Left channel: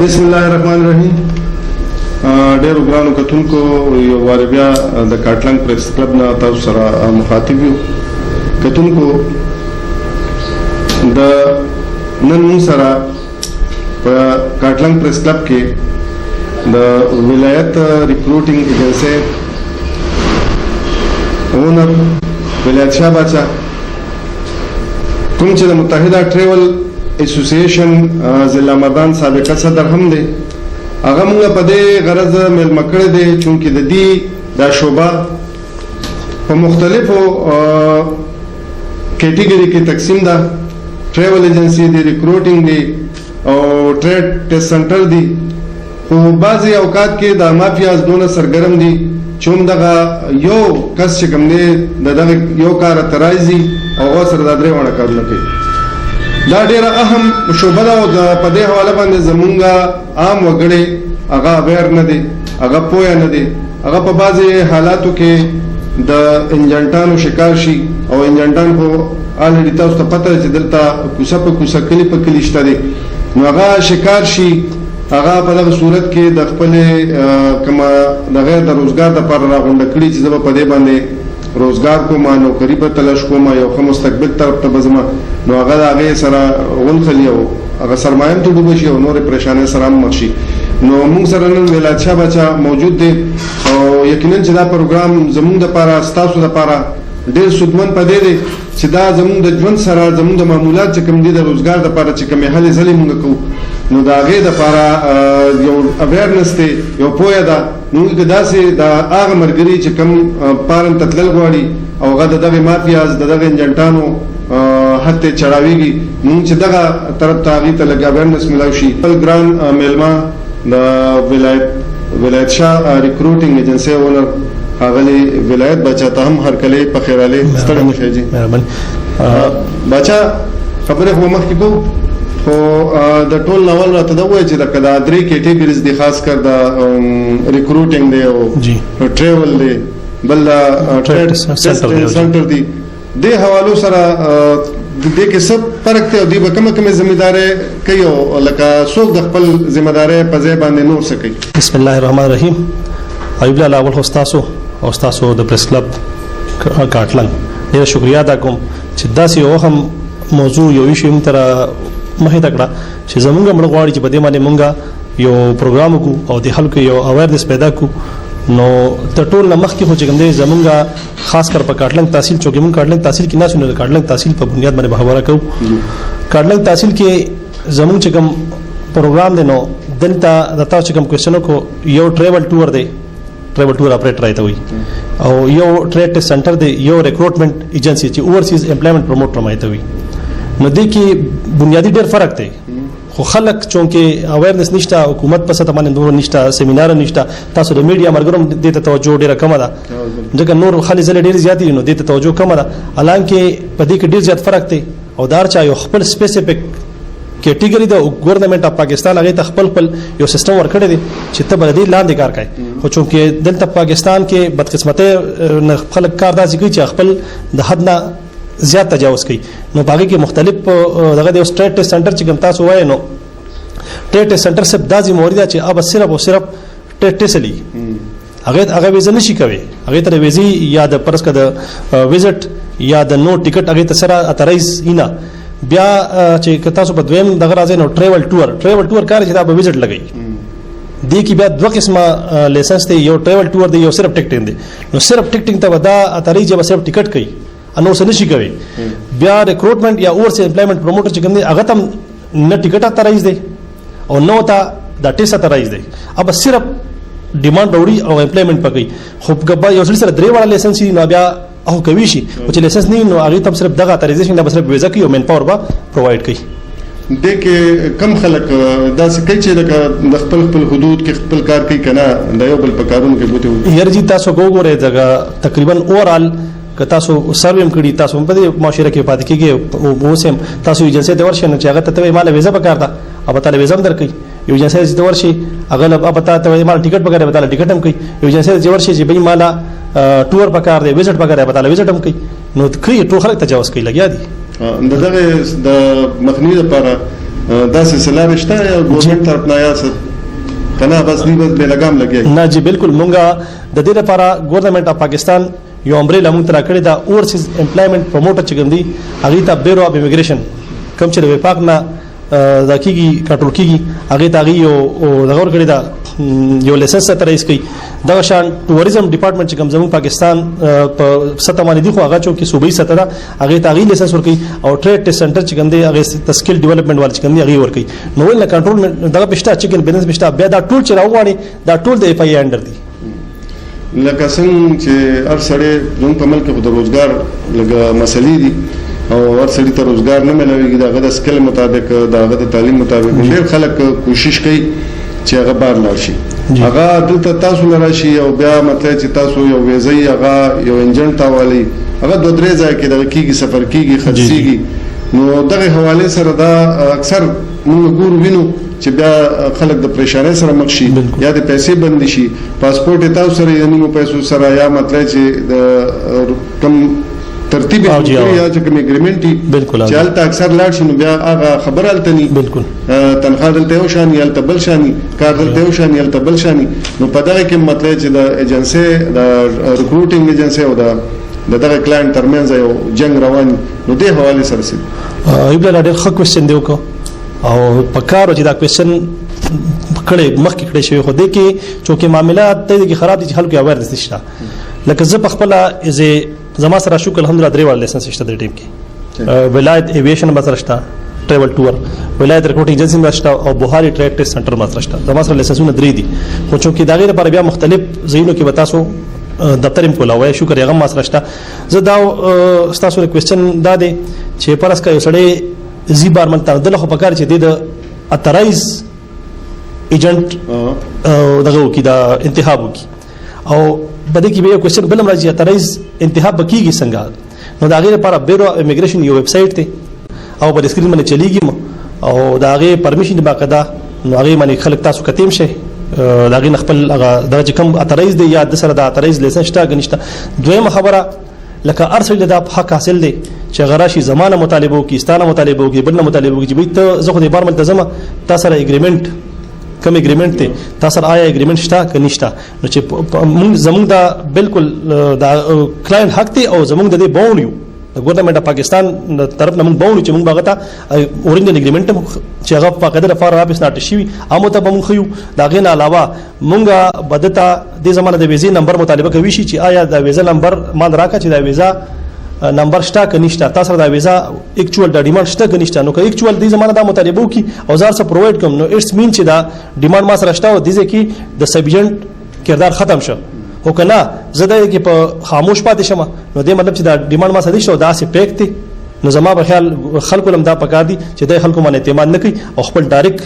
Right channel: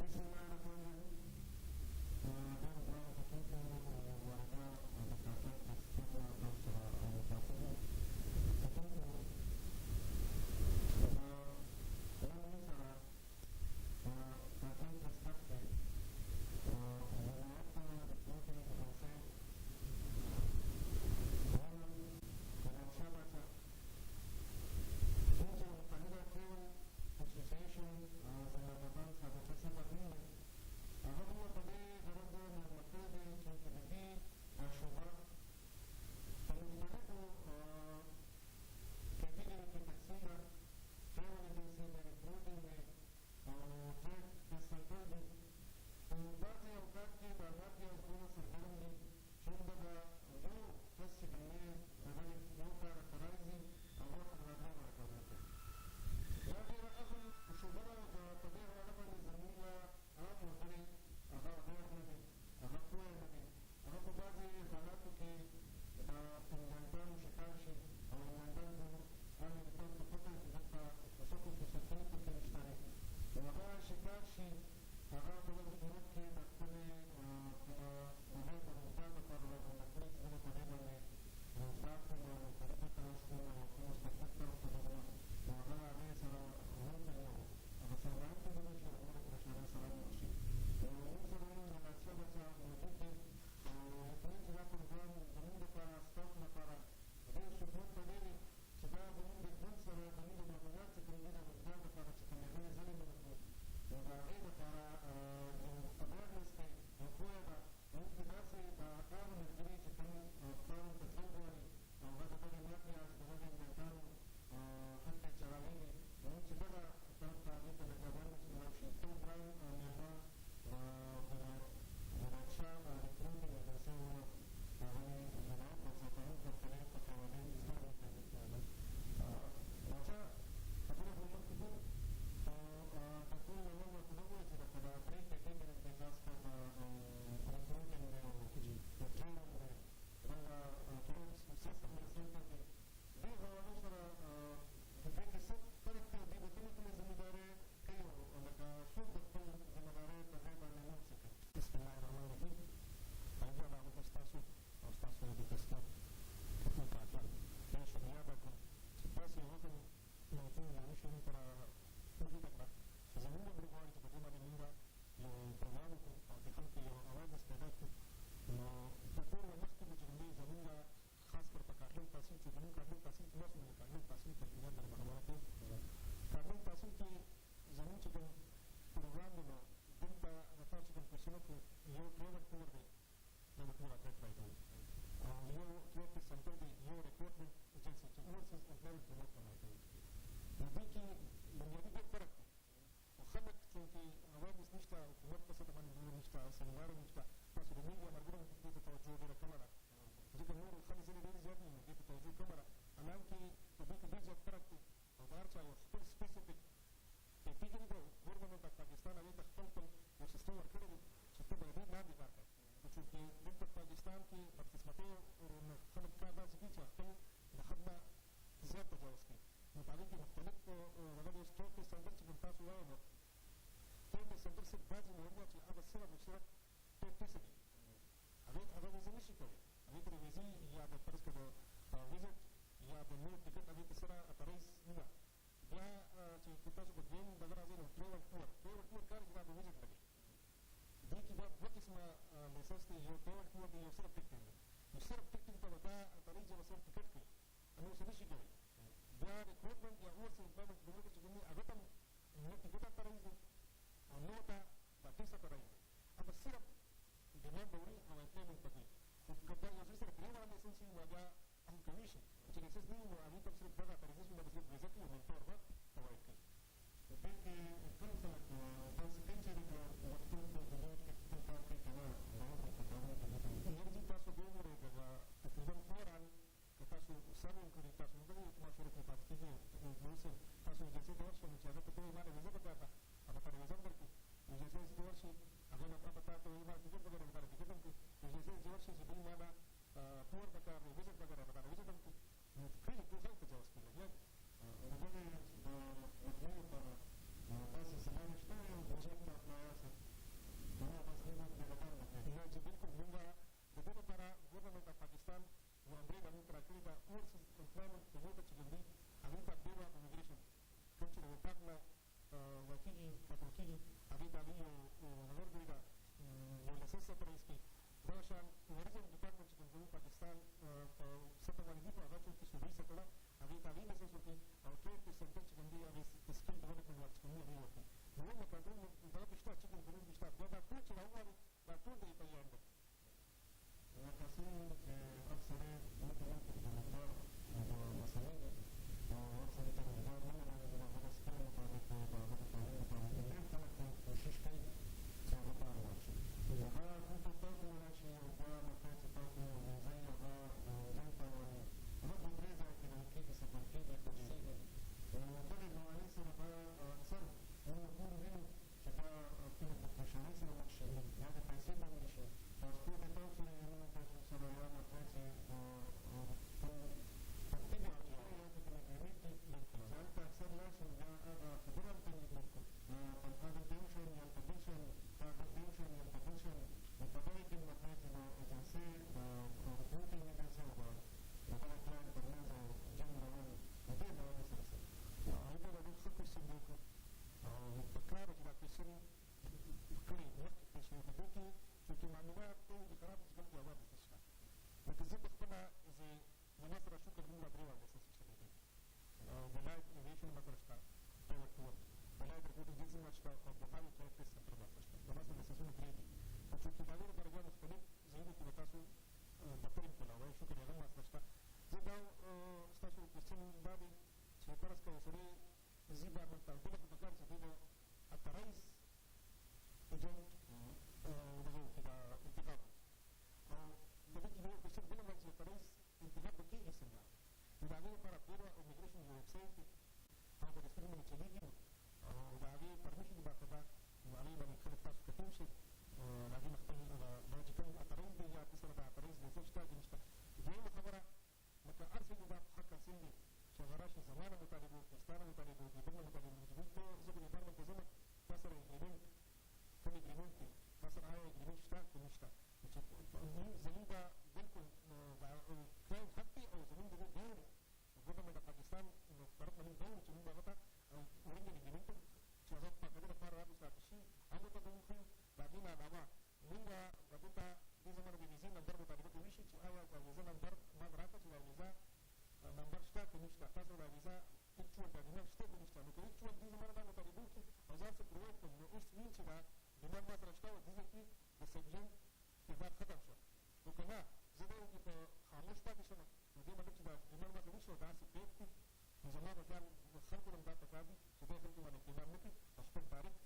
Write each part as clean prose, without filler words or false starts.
बिस्मिल्लाहिर्रहमानिर्रहीम। ډېر ګرانو کتونکو یو وار بیا د کاټلنګ پریس کلب نه تاسو سره مخاطب یو کتونکو د نن موږ سره په کاټلنګ پریس کلب کې د ولایت ریکروټینګ ایجنسی اونر ولایت شاه باچا کوم چې د متحده ټریول اسوسییشن ضلع مردان سابقه صدر هم دی هغه موږ په دې غرض مېلمه کړی دی چونکې د دې دا شعبه په مختلفو کیټګوري کې تقسیم ده ټریول ایجنسی دی ریکروټینګ دی او ټریډ ټیسټ سنټر دی خو بعضې اوقات کې دا مافیاز دونه سرګرم دي چې هم دغه یو کس چې کوم دی د دغه یو کار ته راځي او هغه سره دا درې واړه کارونه کوي دا ډیره اهم شعبه ده او په دې حواله باندې زمونږ عام وګړي هغه اویر نه دي هغه پوهه نه دي هغه په بعضې حالاتو کې د انجنټانو شکار شي او انجنټان خو الریډي تاسو ته پته چې دلته کوڅه په کوڅه کلی په کلی شته دي نو هغه شکار شي هغه په دغه صورت کې د خپل کما د غیر د روزګار د پر راغونډه کړي چې زه په دې باندې روزګار کوم نوکری په تلاش کوم یو ښه مستقبل طرف ته بزم نو هغه هغه سره غونخلی او هغه سرمایم ته ډوب شي او نور پریشانې سره مخ شي نو موږ سره نن ولایت شاه باچا موجود دی او یقینا چې دا پروګرام زموږ د لپاره ستاسو د لپاره ډېر سودمن پدې دی چې دا زموږ د ژوند سره زموږ د معمولات چې کوم دي د روزګار د لپاره چې کومې هلې ځلې موږ کوو نو د هغې دپاره یو اویرنس دی یو پوهه ده نو موږ داسې د هغه ملګري چې کوم پارن ته تلل غواړي او هغه د دغې مافیاز د دغې انجنټانو حد ته چړاویږي نو چې دغه طرف ته هغې ته لږ اویرنس میلاو شي خپل ګران میلمه د ولایت شاه ریکروټینګ ایجنسی اونر ښاغلی ولایت باچا ته هم هرکلی په خیر راغلی ستړی مه شئ جي باچا خبرې خو مخکې کوو خو د ټول ناول راته دا وایي چې لکه دا درې کیټګریز دي خاص کر د ریکروټینګ دی او ټریول دی بل ټریډ سنټر دی د حوالو سره د دې کې څه فرق دی او دوی به کومه ذمہداري کوي او لکه څوک د خپل ذمہداري په ځای باندې نور څه کوي بسم الله الرحمن الرحیم ایوب الله اول هوستاسو او تاسو د پریس کلب کاټلنګ ډیره شکریا ادا کوم چې داسې یو هم موضوع یو شی موږ تر مخې ته کړه چې زمونږ موږ غواړي چې په دې باندې موږ یو پروګرام وکړو او د خلکو یو اویرنس پیدا کړو نو د ټول مخ کې خو چې کوم دی زمونږ خاص کر په کاټلنګ تحصیل چې موږ کاټلنګ تحصیل کې نه شنو کاټلنګ تحصیل په بنیاد باندې خبره کوو کاټلنګ تحصیل کې زمونږ چې کوم پروګرام دی نو دلته د تاسو چې کوم کوېسچن کو یو ټریول ټور دی ټریول ټور اپریټر راته وي او یو ټریډ ټیسټ سنټر دی یو ریکروټمنټ ایجنسی چې اوورسیز امپلایمنٹ پروموټر راته وي نو دې کې بنیادی ډېر فرق دی خو خلک چونکې اویرنس نشته حکومت په سطح باندې نور نشته سیمینار نشته تاسو د میډیا مرګرم دې ته توجه ډېره کمه ده ځکه نور خالي ځلې ډېر زیات دي نو دې ته توجه کمه ده حالانکه په دې کې ډېر زیات فرق دی او دار چا یو خپل سپیسیفیک کیټګوري د ګورنمنت اف پاکستان هغه ته خپل یو سیستم ورکړی دی چې ته بل دې لاندې کار کوي خو چونکې دلته پاکستان کې بدقسمتۍ خلک کار داسې کوي چې خپل د حد نه زیات تجاوز کوي نو باقي کې مختلف دغه د سټریټ ټیسټ سنټر چې کوم تاسو وایي نو ټریټ ټیسټ سنټر صرف داسې مورید چې اب صرف او صرف ټریټ ټیسټ لي هغه ویزه نشي کوي هغه ته ویزي یا د پرس کده وزټ یا د نو ټیکټ هغه ته سره اترایز اینا بیا چې تاسو په دویم دغه راځي نو ټریول ټور کار چې دا به وزټ لګي دې کې بیا دوه قسمه لایسنس دی یو ټریول ټور دی یو صرف ټیکټینګ دی نو صرف ټیکټینګ ته ودا اترایز یا صرف ټیکټ کوي انو څه نشي کوي بیا ریکروټمنټ یا اوورسیز امپلایمنٹ پروموټر چې کوم دی هغه تم نه ټیکټ اترایز دی او نو تا د ټیسټ اترایز دی اب صرف ډیماند وروړي او امپلایمنٹ پکې خو کبا یو سره درې واړه لایسنس نو بیا او کوي شي او چې لایسنس نه نو هغه تم صرف دغه اترایزیشن د صرف ویزا کوي او مین پاور با پرووایډ کوي د کې کم خلک داسې کوي چې د خپل حدود کې خپل کار کوي کنه د یو بل په کارونو کې بوته یارجی تاسو وګورئ دغه تقریبا اورال که تاسو سرویم کړی تاسو په دې معاشره کې پاتې کېږي او سم تاسو ایجنسی ته ورشئ چې هغه ته مال ویزا پکار ده او تعالی ویزا هم درکې یو ایجنسی ته ورشئ هغه اب ته مال ټیکټ پکار به تعالی ټیکټ هم کوي یو ایجنسی ته ورشئ چې به مال ټور پکار دی وزټ پکار دی به تعالی وزټ هم کوي نو کوي ټول خلک تجاوز کوي لګیا دي دغه د مخنیوي لپاره دا سلسله رشته یا ګورنمنت طرف نه یا کنه بس دی بس به لګام لګي نه جی بالکل مونږه د دې لپاره ګورنمنت اف پاکستان یو امبریلا مونږ تر کړی دا اورسیز امپلایمنت پروموټر چې ګندي هغه ته بیورو اف امیګریشن کوم چې د وفاق نه د کیږي کنټرول کیږي هغه ته یو دغور کړی دا یو لیسنس تر ایس کوي دا شان ټوریزم ډپارټمنټ چې کوم زموږ پاکستان په سطح باندې دی خو هغه چې صوبایي سطح دا هغه ته هغه لیسنس ورکړي او ټریډ ټیسټ سنټر چې کوم دی هغه سکل ډیولپمنٹ وال چې کوم دی هغه ورکړي نو ول کنټرول دغه پښتا چې کوم بیلنس پښتا بیا دا ټول چې راوغاړي دا ټول د اف ای انډر دی لکه څنګه چې هر سړی زموږ په ملک کې د روزګار لګه مسلې دي او هر سړي ته روزګار نه ملويږي دغه د سکل مطابق دغه د تعلیم مطابق ډېر خلک کوشش کوي چې هغه بار لاړ شي هغه دلته تاسو نه راشي او بیا مطلب چې تاسو یو ویزه هغه یو انجن تاوالي هغه دوه درې ځای کې دغه کیږي سفر کیږي خرڅيږي نو دغه حواله سره دا اکثر موږ ګورو وینو چې بیا خلک د پریشانۍ سره مخ شي یا د پیسې بند شي پاسپورت تاسو سره یعنی مو پیسو سره یا مطلب چې د کم ترتیب یا چې کوم اګریمنت چې حالت اکثر لاړ شي نو بیا هغه خبر التني بالکل تنخواه دلته یو شان یا تبل شاني کار دلته یو شان یا تبل شاني نو په دغه کې مطلب چې د ایجنسی د ریکروټینګ ایجنسی او د دغه کلاینټ ترمنځ یو جنگ روان نو د حواله سره سي ایبل ډېر ښه کوېسچن دی وکړو او په کارو چې دا کوېسچن کړي مخکې کړي شوی خو دې کې چې معاملات ته کې خراب دي چې خلکو اویرنس نشته لکه زه په خپل زما سره شو الحمدلله درې وړ لیسنس شته د ټیم کې ولایت ایویشن مسره شته ټریول ټور ولایت ریکروټینګ ایجنسی مسره شته او بوهاري ټریډ ټیسټ سنټر مسره شته زما سره لیسنسونه درې دي خو چې دا غیر لپاره بیا مختلف ځایونو کې وتاسو دفتر هم کولاوي شو کړی هغه مسره شته زه دا تاسو کوېسچن دا دی چې پرس کا یو سړی زی بار منته دله خو پکار چې د اترایز ایجنټ دغه کې دا انتخاب وکي او بده کې به کوېسچن بل راځي اترایز انتخاب بکیږي څنګه نو دا غیر لپاره بیورو امیګریشن یو ویب سټ ته او په سکرین باندې چلیږي او دا غیر پرمیشن باقاعده نو هغه باندې خلک تاسو کتیم شي دا غیر خپل هغه درجه کم اترایز دی یا د سره د اترایز لیسنس شته غنښت دویمه خبره لکه ارسل د حق حاصل دی چې غراشي زمانه مطالبه کې ستانه مطالبه کې بل مطالبه کې به ته زه خو د بار ملتزمه تاسو سره اګریمنت کوم اګریمنت ته تاسو سره آیا اګریمنت شته که نشته نو چې زموږ دا بالکل دا کلاینټ حق دی او زموږ د دې باونډ یو د ګورنمنت اف پاکستان طرف نه موږ باونډ چې موږ باغتا اورینجن اګریمنت چې هغه په قدر فار واپس ناټ شي امو ته موږ خو دا غین علاوه موږ بدتا د زمانه د ویزې نمبر مطالبه کوي شي چې آیا د ویزا نمبر مال راکا چې د ویزا نمبر شته که نشته تاسو د ویزا اکچوال د ډیماند شته که نشته نو که اکچوال د زمانه د مطالبه کی او زار سره پروواید کوم نو اټس مین چې دا ډیماند ما سره شته او د ځکه د سبجنټ کردار ختم شو او کنه زده کې په خاموش پاتې شمه نو د مطلب چې دا ډیماند ما سره شته دا سي پیک دي نو زما په خیال خلکو لم دا پکار دي چې د خلکو باندې اعتماد نه کوي او خپل ډایرک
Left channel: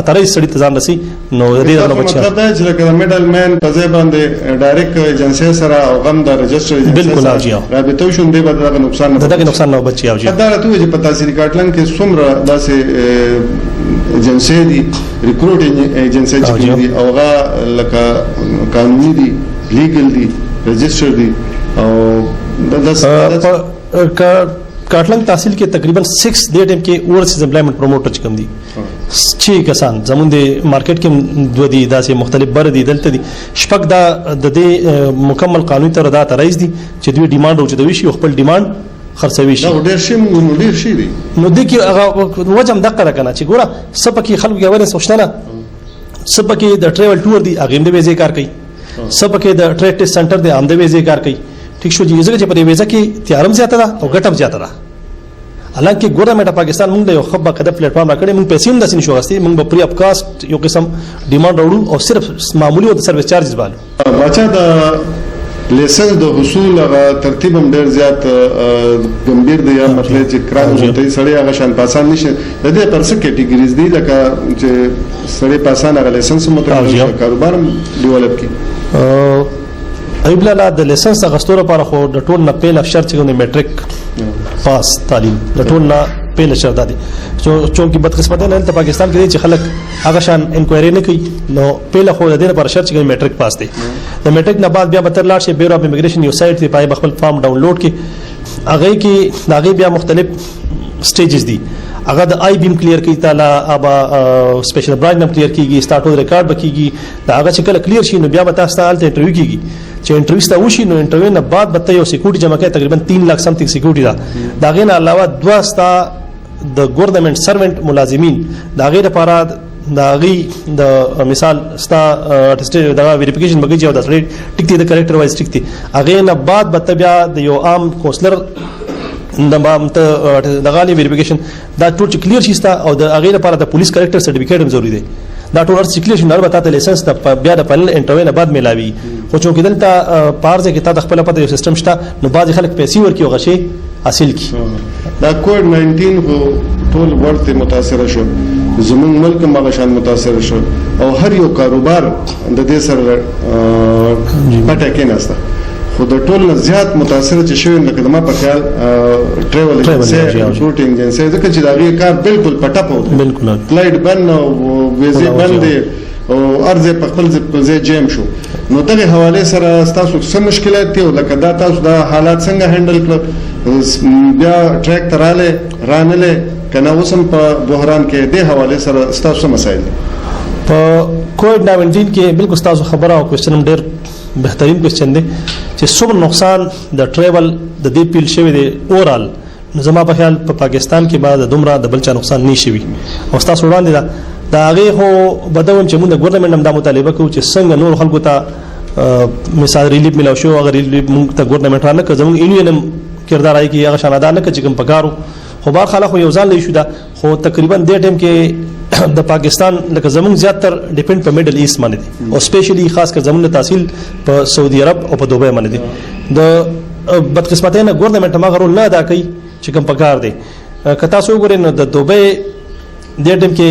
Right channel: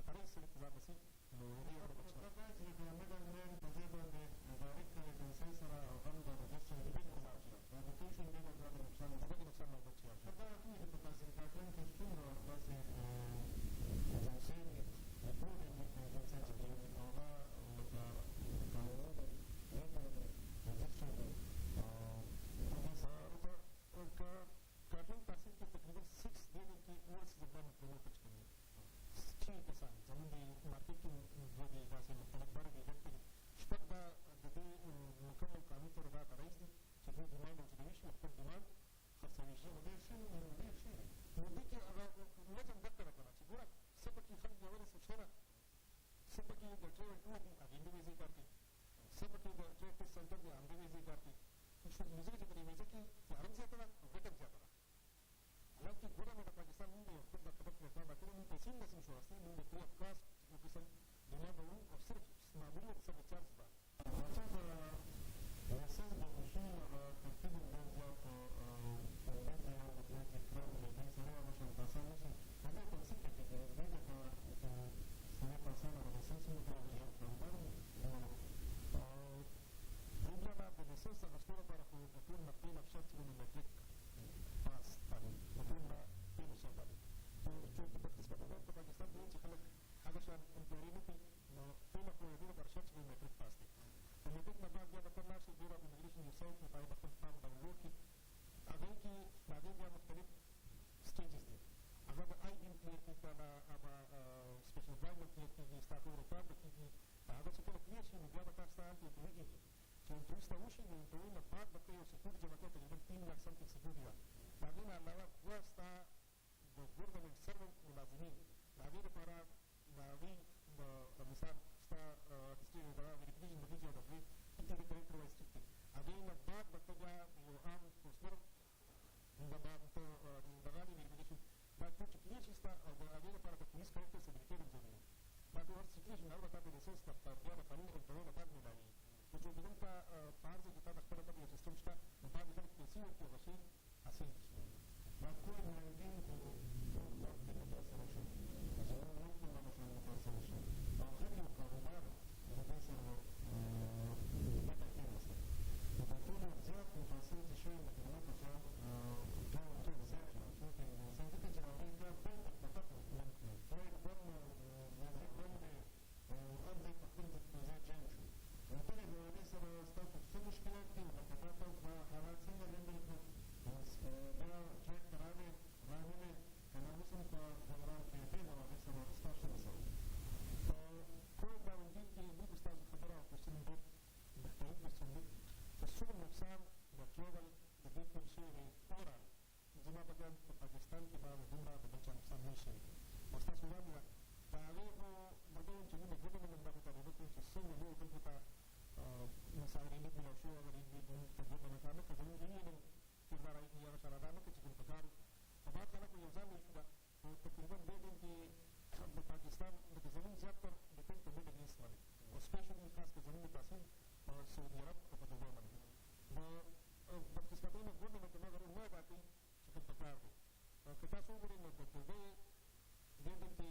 اترای سړی ته ځان رسي نو دې نه بچا مطلب دا چې لکه میډل مین په ځای باندې ډایرک ایجنسی سره او غم د رجستر بالکل راځي رابطه شون دی به دا نقصان نه دا نقصان نه بچي او جی دا راته چې په تحصیل کاټلن کې څومره داسې ایجنسی دي ریکروټینګ ایجنسی چې دي او هغه لکه قانوني دي لیګل دي رجستر دي او دا کاټلنګ تحصیل کې تقریبا 6 د ټیم کې اورسیز امپلایمنٹ پروموټر چې کوم دي 6 کسان زموږ د مارکیټ کې دوه دي داسې مختلف بر دي دلته دي شپږ دا د دې مکمل قانوني تر دا ترایز دي چې دوی ډیماند او چې دوی شي خپل ډیماند خرڅوي شي دا ډېر شي موږ ډېر شي دي نو د کې هغه وجم دقه کنه چې ګوره سپکه خلکو یې ورنه سوچنه سپکه د ټریول ټور دي هغه د ویزه کار کوي سپکه د ټریډ ټیسټ سنټر دي هم د ویزه کار کوي ٹھیک شو جی ځکه چې په دې ویزه کې تیارم زیاته ده او ګټم زیاته ده حالانکه ګورنمنت پاکستان موږ د یو خبره کده پلیټ فارم راکړي موږ پیسې هم داسې نشو غوښتي موږ په پری اپ کاست یو قسم ډیماند راوړو او صرف معمولی او د سرویس چارجز بالو بچا د لیسنس د حصول ترتیب هم ډیر زیات ګمبیر دی یا مطلب چې کران ته سړی هغه شان پاسان نشي د دې پر څه کیټګریز دي لکه چې سړی پاسان هغه لیسنس متعلق کاروبار ډیولپ کی ایب لاله د لیسنس غستوره لپاره خو د ټول نه پیل شرط چې میټریک پاس تعلیم د ټول نه پیل شرط دی چونکی بدقسمت نه ته پاکستان کې چې خلک هغه شان انکوایری نه کوي نو پیل خو د دې لپاره شرط چې میټریک پاس دی د میټریک نه بعد بیا به تر لاړ شي بیورو اف امیګریشن یو سایت دی پای خپل فارم ډاونلوډ کی هغه کې هغه بیا مختلف سټیجز دي هغه د آی بیم کلیر کی تعالی ابا سپیشل برانچ نم کلیر کیږي سٹارټ ریکارډ بکیږي دا هغه چې کله کلیر شي نو بیا به تاسو ته انټرویو کیږي چې انټرویو ستا وشي نو انټرویو نه بعد به یو سکیورټي جمع کوي تقریبا 3 लाख سمثینګ سکیورټي دا غین علاوه دوا ستا د ګورنمنت سروینټ ملازمین دا غیر لپاره دا غي د مثال ستا ټیسټ دا ویریفیکیشن بګی جو دا سړی ټیک دی د کریکټر وایز ټیک دی هغه نه بعد به بیا د یو عام کونسلر د مامته د غالي ویریفیکیشن دا ټول کلیر شي ستا او د هغه لپاره د پولیس کریکټر سرټیفیکیټ هم ضروری دی دا ټول ارڅ کلیر شي نو البته ته لایسنس د بیا د پنل انټرویو نه بعد ملاوي خو چې دلته پارځه کې تا د خپل پته یو سیستم شته نو بعض خلک پیسې ورکي او غشي حاصل کی دا کووډ 19 هو ټول ورته متاثر شو زمون ملک مغشان متاثر شو او هر یو کاروبار د دې سره پټه کې نهسته خو د ټول نه زیات متاثر چې شوی لکه د ما په خیال ټریول ایجنسی شوټینګ ایجنسی ځکه چې دا غي کار بالکل پټه پوت بالکل فلایټ بند او ویزه بند او ارزه په خپل ځای جیم شو نو دغه حواله سره تاسو څه مشکلات دي لکه دا تاسو دا حالات څنګه هندل کړ بیا ټریک تراله رانله کنه وسم په بحران کې د حواله سره تاسو مسایل په کووډ 19 کې بالکل تاسو خبره او کوېسچن ډېر بهترین کوېسچن دی چې څومره نقصان د ټریول د دې پیل شوی دی اورال نو زما په خیال په پاکستان کې بعد دومره د بلچا نقصان نشي وي او تاسو وړاندې دا هغه هو بدون چې موږ د ګورنمنت هم د مطالبه کوو چې څنګه نور خلکو ته مثال ریلیف ملو شو اگر ریلیف موږ ته ګورنمنت رانه که زموږ یونین کردار آی کې هغه شاناده نه چې کوم پکارو خو بار خلک یو ځان لې شو دا خو تقریبا د ټیم کې د پاکستان لکه زموږ زیاتره ډیپند په میډل ایست باندې دي او سپیشلی خاص کر زموږ تحصیل په سعودي عرب او په دوبۍ باندې دي د بدقسمتۍ نه ګورنمنت ما غرو نه ادا کوي چې کوم پکار دي کتا سو ګورې نو د دوبۍ د ټیم کې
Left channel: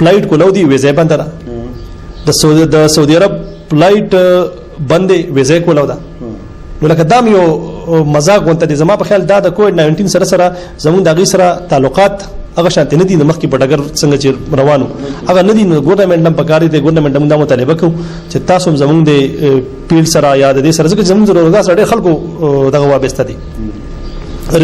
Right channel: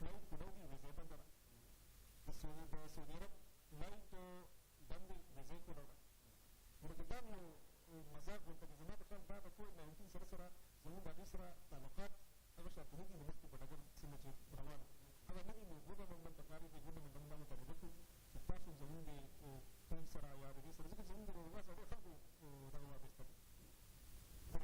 فلایټ کولو دی ویزه بند ده د سعودي عرب فلایټ بندې ویزه کولو ده نو لکه دام یو مزاق وانت دي زما په خیال دا د کووډ 19 سره زموږ د غي سره تعلقات هغه شانت نه دي نو مخکې په ډګر څنګه چې روانو هغه نه دي نو ګورنمنت هم پکاري دي ګورنمنت هم د مطالبه کوي چې تاسو زموږ د پیل سره یاد دي سره ځکه زموږ ضرورت سره خلکو دغه وابسته دي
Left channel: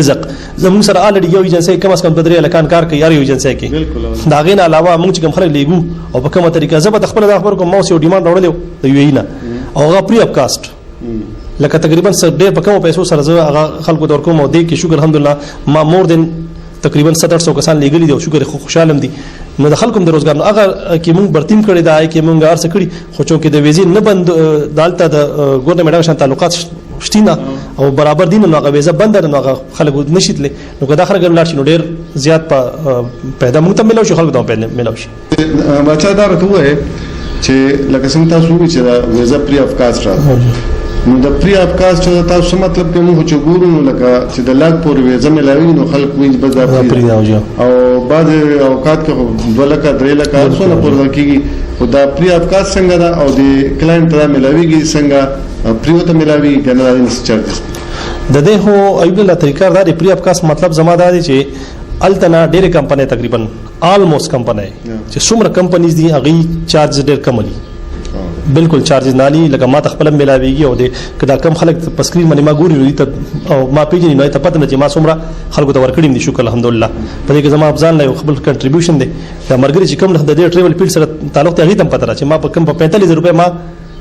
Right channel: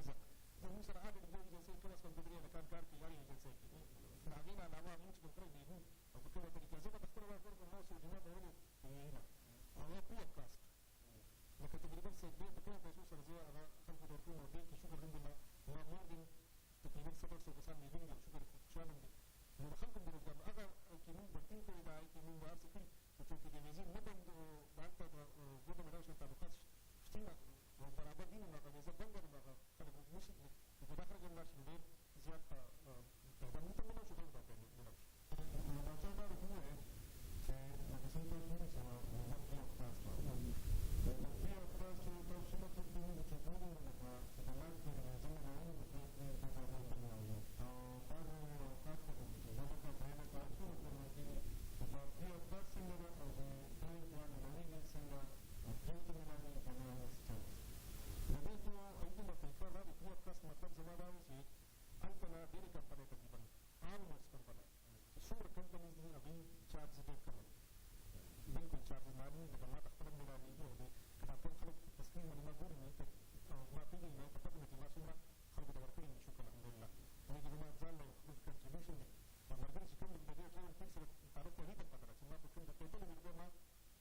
رزق زموږ سره الډي یو ایجنسی کم از کم د درې لکان کار کوي یار یو ایجنسی کې دا غین علاوه موږ چې کوم خلک لیګو او په کومه طریقه زبر خپل د خبر کوم موسیو ډیماند راوړل د یو نه او هغه پری اپ کاست لکه تقریبا ډېر په کومو پیسو سره هغه خلکو د ورکوم او د کې شکر الحمدلله ما مور دین تقریبا 700 کسان لګلي دي او شکر خوشاله دي نو د خلکو د روزګار نو هغه کې موږ برتیم کړی دا کې موږ ارڅ کړی خو چې د ویزې نه بند دالته د ګورنمنت شان تعلقات شتینه او برابر دي نو هغه ویزه بند نه هغه خلکو نشیتله نو که دا خلک لاړ شي نو ډېر زیات پیدا موږ ته ملو شي خلکو ته پیدا ملو شي بچا دا راته وای چې لکه څنګه تاسو وی چې ویزه پری اف کاست را نو د پری اف کاست چې تاسو مطلب کې موږ چې ګورو نو لکه چې د لاګ پورې ویزه ملاوي نو خلک وینځ بس دا پری او بعض اوقات کې 2 لک 3 لک څونه پورته کیږي او دا پری اف کاست څنګه دا او د کلاینټ را ملاويږي څنګه پریوته ملاوي کنه انس چارجز د دې هو ایبل لا طریقه دا پری اف کاست مطلب زمادار دي چې التنا ډېر کمپنۍ تقریبا آلموست کمپنۍ چې څومره کمپنیز دي هغه چارج ډېر کم دي بالکل چارجز نالي لکه ما تخپل ملاويږي او د کدا کم خلک په سکرین باندې ما ګوري ته او ما پیژنې نو ته پته نه چې ما څومره خلکو ته ورکړم دي شکر الحمدلله په دې کې زما افزان له خپل کنټریبیوشن دي دا مرګري چې کوم د دې ټریول پیل سره تعلق ته هیڅ هم پته را چې ما په کم په 45 روپے ما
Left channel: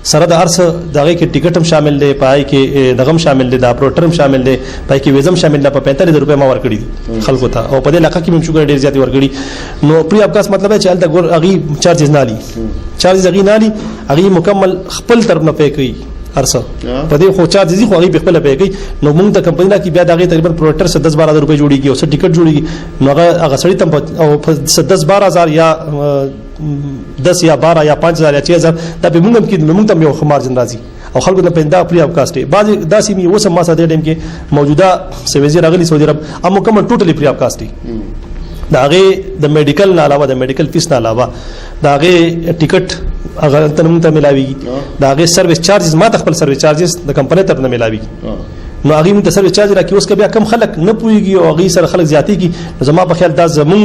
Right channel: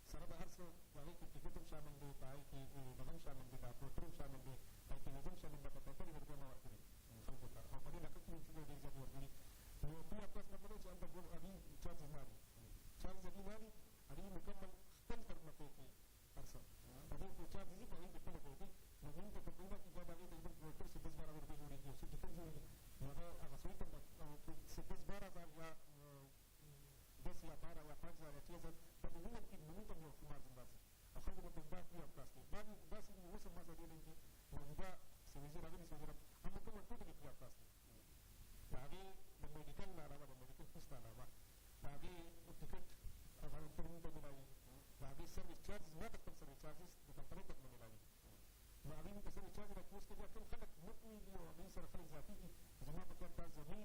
سره د ارس دغه کې ټیکټ هم شامل دی پای کې دغم شامل دی دا پروټر هم شامل دی پای کې ویزم شامل دی په 45 روپے ما ورکړي خلکو ته او په دې علاقې کې هم شوګر ډیر زیات ورکړي نو پری اپ کاس مطلب چې الته ګور اغي چارجز نالي چارجز اغي نالي اغي مکمل خپل طرف نه پې کوي ارسه په دې خو چارجز خو اغي په خپل پې کوي نو موږ د کمپنۍ نه کې بیا دغه تقریبا پروټر 10-12 روپے جوړيږي او څه ټیکټ جوړيږي نو هغه سړی تم او 10-12,000 یا 10 یا 12 یا 5,000 یا 6,000 دا به موږ کې موږ ته یو خمارجن راځي او خلکو ته پنده پری اپ کاست بعض داسې می وسم ما ساده ټیم کې موجوده سویزی راغلي سعودي عرب ام مکمل ټوټلی پری اپ کاست دا هغه د میډیکل نه علاوه د میډیکل فیس نه علاوه دا هغه ټیکټ هغه تنم ته ملاوي دا هغه سرویس چارجز ما خپل سرویس چارجز د کمپنۍ طرف نه ملاوي نو هغه مون ته سرویس چارج راکې اوس بیا کم خلک نه پويږي او هغه سره خلک زیاتې کی زما په خیال دا زمون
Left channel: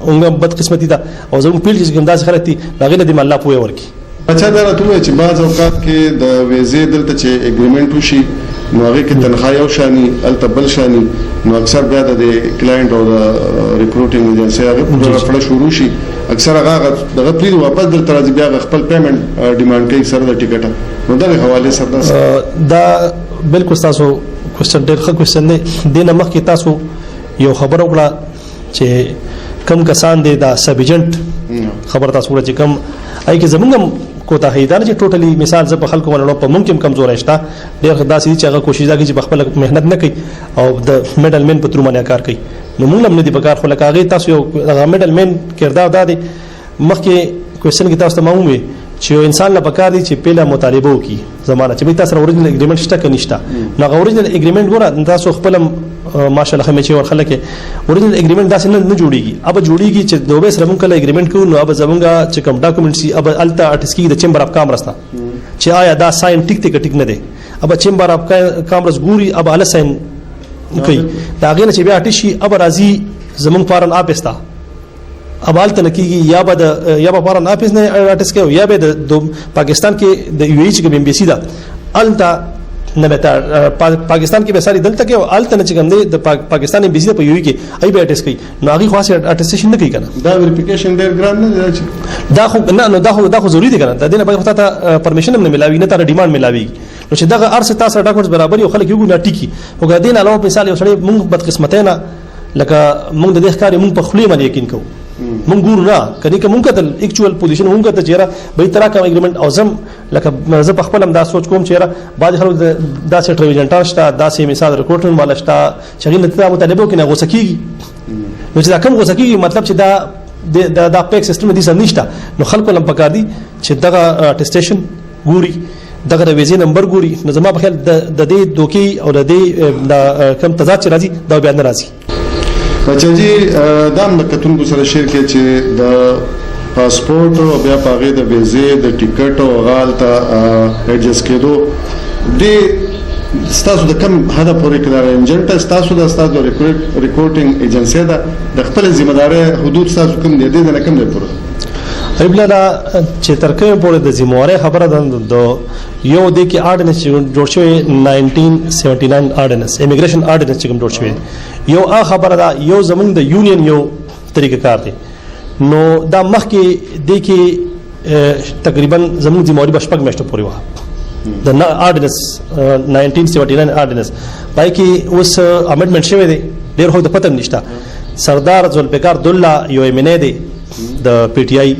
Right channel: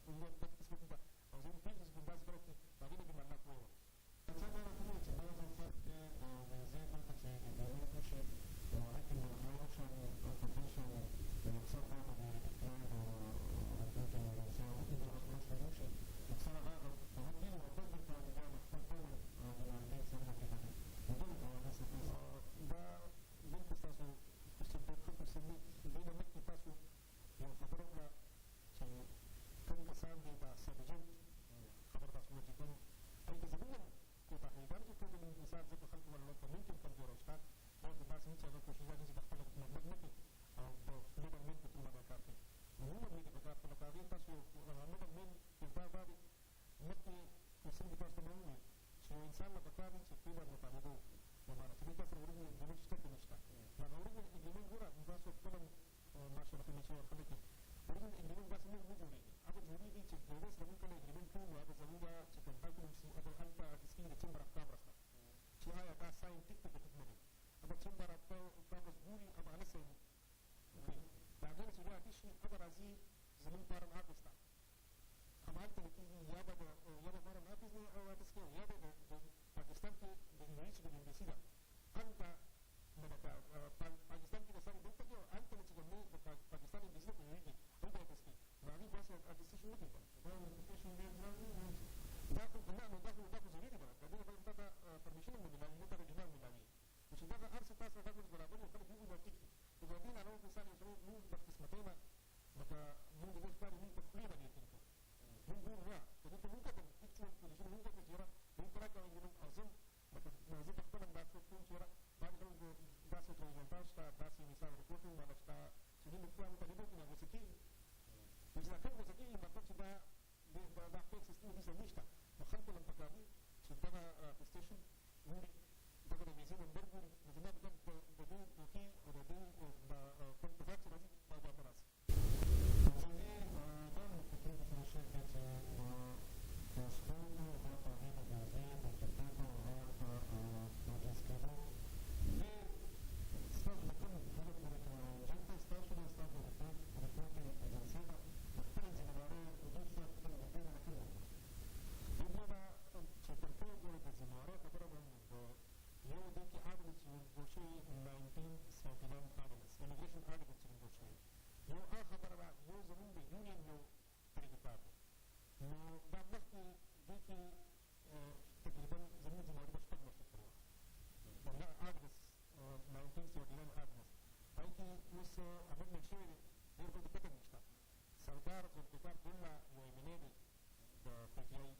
اونګه بد قسمتي دا او زمون پیل چې کوم داسې خلک دي هغه نه دی الله پوي ورکی اچھا دا راته چې بعض اوقات کې د ویزې دلته چې اګریمنت وشي نو هغه کې تنخواه یو شانی الته بل شانی نو اکثر بیا د کلاینټ او د ریکروټینګ ایجنسی هغه په شروع شي اکثر هغه دغه پلی واپس در ترازی بیا خپل پیمنٹ ډیماند کوي سره د ټیکټ نو دغه حواله سره دا بالکل تاسو کوېسچن ډېر ښه کوېسچن دی دینه مخکې تاسو یو خبر وکړه چې کم کسان دي دا سب ایجنټ خبر تاسو وکړه چې کم اي کې زمونږ کوتاهی دا چې ټوټلی مثال ز په خلکو ولړو په ممکن کمزور شته ډېر داسې چې هغه کوشش دا کوي چې خپل مهنت نه کوي او د میډل مین په تر باندې کار کوي نو موږ هم نه دی په کار خو لکه هغه تاسو یو میډل مین کردار دا دی مخکې کوېسچن کې تاسو ته معلومه چې یو انسان لا پکار دی چې پیله مطالبه وکي زمانہ چې به تاسو اوریجنل اګریمنت شته که نشته نو اوریجنل اګریمنت ګوره تاسو خپل ماشاءالله هم چې ورخلک اوریجنل اګریمنت داسې نه جوړیږي اب جوړیږي چې دوه سره مونږ کله اګریمنت کوو نو اب زمونږه چې کوم ډاکومېنټ سي اب التا ارټسکی د چمبر اف کامرس ته چې آیا دا ساين ټیک ته ټیک نه دی اب چمبر اف کامرس ګوري اب ال ساين کوي دا غینه چې بیا ټشي اب راضي زمونږ فارن اپستا اب الته نکیږي یا به فارن اپس نه ارټس کوي یا به د پاکستان کې د یو ایچ کې ام بي سي دا التا نه به پاکستان کې به ساري دلته کې الته نه چې کوم دی د پاکستان ام بي سي په یو کې ای به ارټس کوي نو هغه خاصه ارټسټیشن نه کوي کنه دا ویریفیکیشن ډیر ګران نه دی دا خو نه نو دا خو ضروری دی کنه دا دینه به ته پرمیشن هم نه ملاوي نه تر ډیماند ملاوي نو چې دغه ارسه تاسو ډاکومنټس برابر یو خلک یو نه ټیکی او غدین علاوه مثال یو سړی مونږ بد قسمتینا لکه مونږ د دې ښکاری مونږ په خلی باندې یقین کوو مونږ ګورو نه کدی که مونږ کتل اکچوال پوزیشن مونږ ته چیرې به تر کا اګریمنت او زم لکه زه په خپل هم دا سوچ کوم چیرې بعض خلک دا سیټ ریویژنټار شته دا سي مثال ریکورډر مال شته چې غین ته مطالبه کې نه غوسکیږي نو چې دا کم غوسکیږي مطلب چې دا پیک سیستم دې سم نشته نو خلکو لم پکار دي چې دغه اټیسټیشن ګوري دغه د ویزې نمبر ګوري نو زما په خیال د دې دوکي او د دې کم تضاد چې راځي دا بیا نه راځي بچا جی دام د کتونکو سره شیر کې چې د پاسپورت او بیا پاغه د ویزې د ټیکټ او غالطه ایڈجسټ کېدو د ستاسو د کم هدف پورې کړه انجنټ ستاسو د ریکورډینګ ایجنسی دا د خپل ذمہ داري حدود ستاسو کم دي د نه کم دی پوره ایبلالا چې ترکه پورې د ذمہواره خبره ده یو د کې آرډیننس جوړ شوی 1979 آرډیننس امیګریشن آرډیننس چې کوم جوړ شوی یو خبره ده یو زمونږ د یونین یو طریقه کار دی نو دا مخکې د کې تقریبا زمونږ ذمہواری بشپک میشته پورې و د آرډیننس 1979 آرډیننس پای کې اوس امندمنت شوی دی ډیر خو د پته نشته سردار ذوالفقار دوله یو امنه دی د پی ټی آی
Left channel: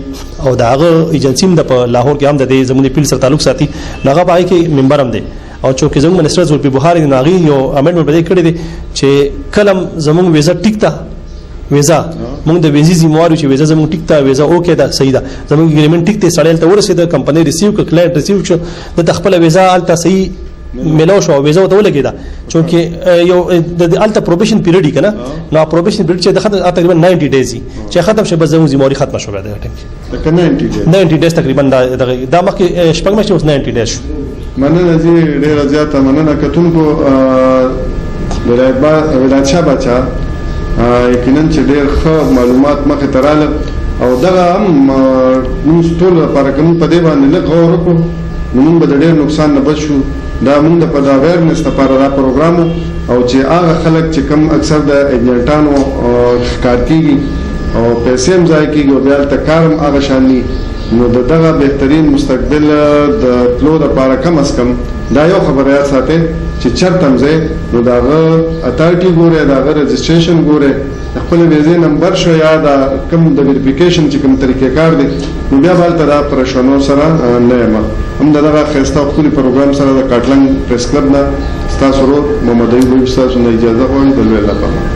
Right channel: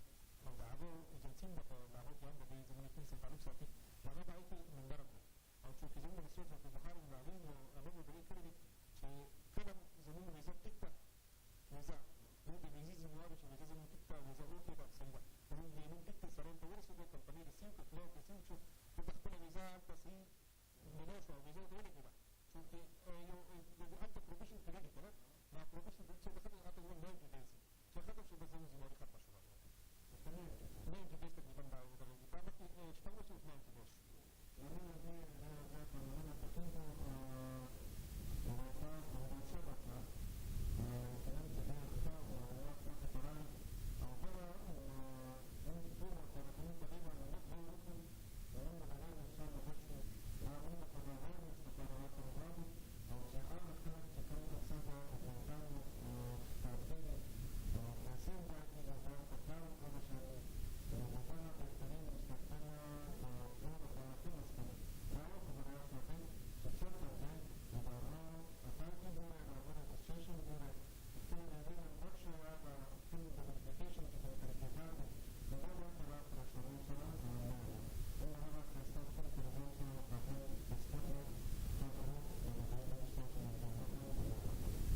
او د هغه ایجنسی هم د لاهور کې هم د زمونږ پیل سره تعلق ساتي هغه پای کې ممبر هم دی او چې زموږ منسټر زولپی بخاری ناغي یو امندمنت بده کړی دی چې کلم زموږ ویزا ټیکتا ویزا موږ د ویزې ذمہوار چې ویزا زموږ ټیکتا ویزا اوکې دا صحیح ده زموږ اګریمنت ټیک ته سړیل ته ورسېده کمپنی ریسیو ک کلاینټ ریسیو شو د خپل ویزا الته صحیح ملو شو ویزا ته ولګیدا چې یو د الته پروبیشن پیریډ کنه نو پروبیشن پیریډ چې د تقریبا 90 ډیز چې ختم شي بس زموږ ذمہواری ختم شو دا ټیم 90 ډیز تقریبا دا مخکې شپږ مشه 90 ډیز شو مننه زی ډیر زیاته مننه کتونکو ولایت شاه بچا یقینا چې ډیر ښه معلومات مخه تراله او دغه هم موږ ټول لپاره کوم په دې باندې لږ غور وکړو موږ به ډیر نقصان نه بچو دا موږ د په اویرنس لپاره دا پروګرام او چې هغه خلک چې کم اکثر د ایجنټانو ښکار کیږي او پیسې هم ځای کیږي او بیا تکارم هغه شاني نو دغه بهترین مستقبل د تلو لپاره کم از کم دا یو خبره یاد ساتئ چې چرته مزه نو داغه اتارټي ګوره داغه رجسټریشن ګوره خپل ویزې نمبر شو یا دا کوم د ویریفیکیشن چې کوم طریقې کار دی نو بیا بالته دا پرشنو سره نه ما هم دغه خسته خپل پروګرام سره د کاټلنګ پریس کلب نه تاسو ورو محمد ایوب تاسو نه اجازه غواړم د لوی لپاره